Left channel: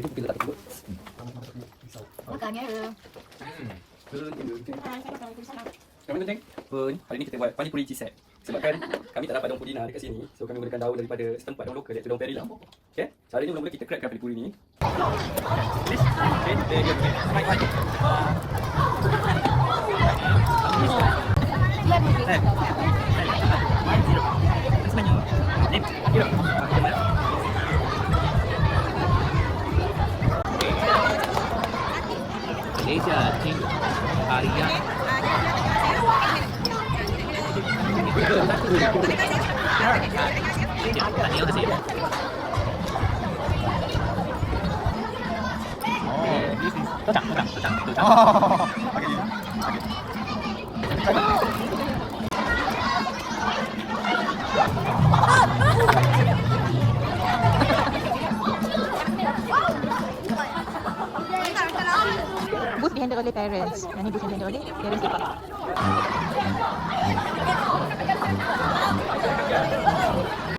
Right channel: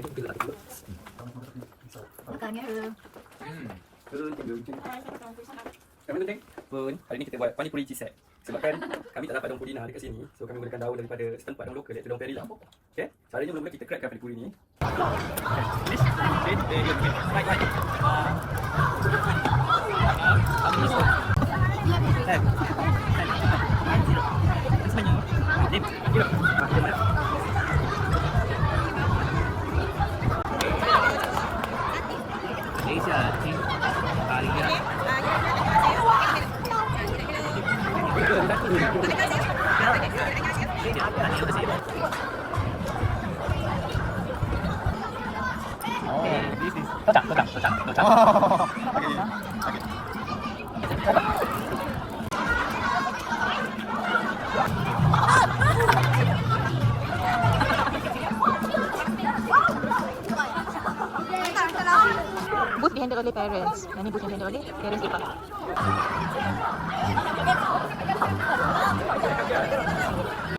Nanti kita letak dulu. Makannya. Yang penting pun hari ni kita buat pani puri cheese set. Sebabkan kami tak dapat daun purina dekat sini, so kami gunakan daun daripada setempat, daun lokal iaitu daun perila. Okey, caranya mula-mula kita crackkan pani puri ni. Okey, okey. Baik. Malaysia, King Arya. Oh, this is kocak. Oh, okay. Booth dihandle oleh parents. Yang ni booth yang dihandle oleh parents department.